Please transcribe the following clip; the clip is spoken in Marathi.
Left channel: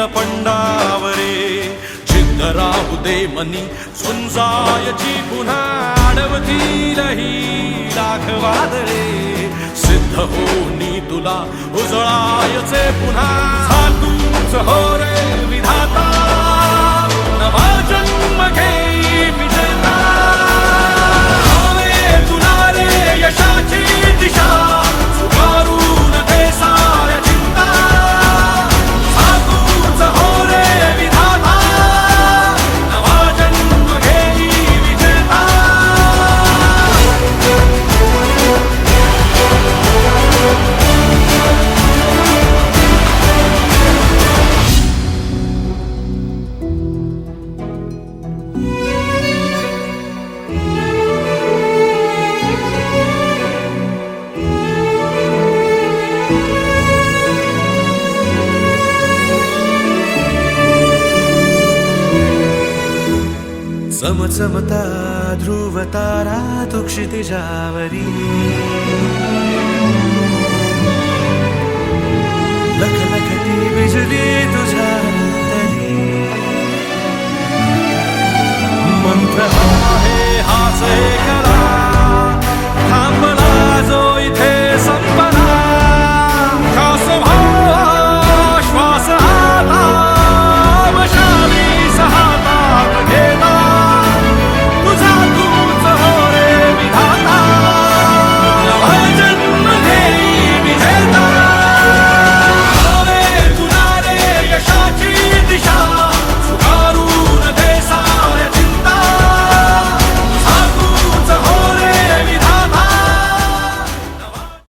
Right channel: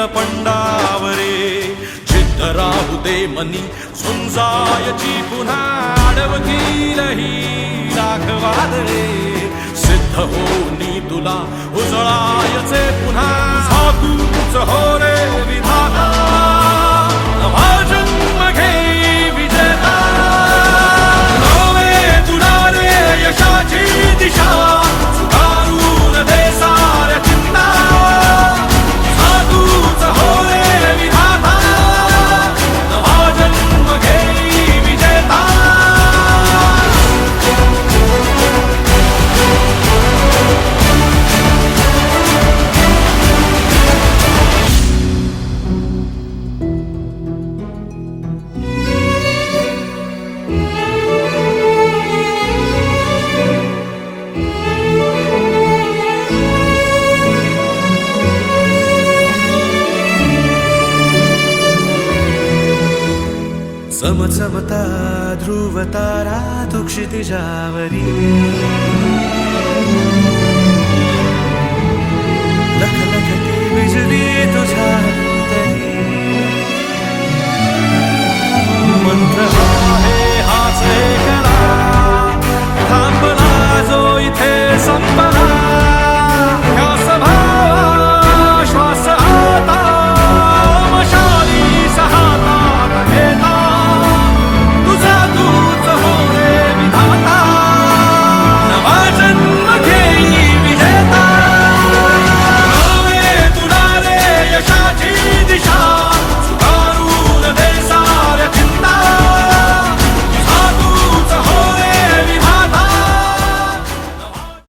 नीलपंडावरे जिद्द राहू दे मनी झुंजायची पुन्हा अडवतील ही लाख वादळे सिद्ध होनी तुला उजळायचे पुन्हा साधूच हो रे विधाता नवा जन्म घे विजेता होवे तुला रे यशाची दिशा सुधारून दे साऱ्या चिंता साधूच हो रे विधाता नवा जन्म घे विजेता चमचमता ध्रुव तारा तू क्षितिजावरी लखलखती बिजली तुझ्या तरी मंत्र आहे हाच एक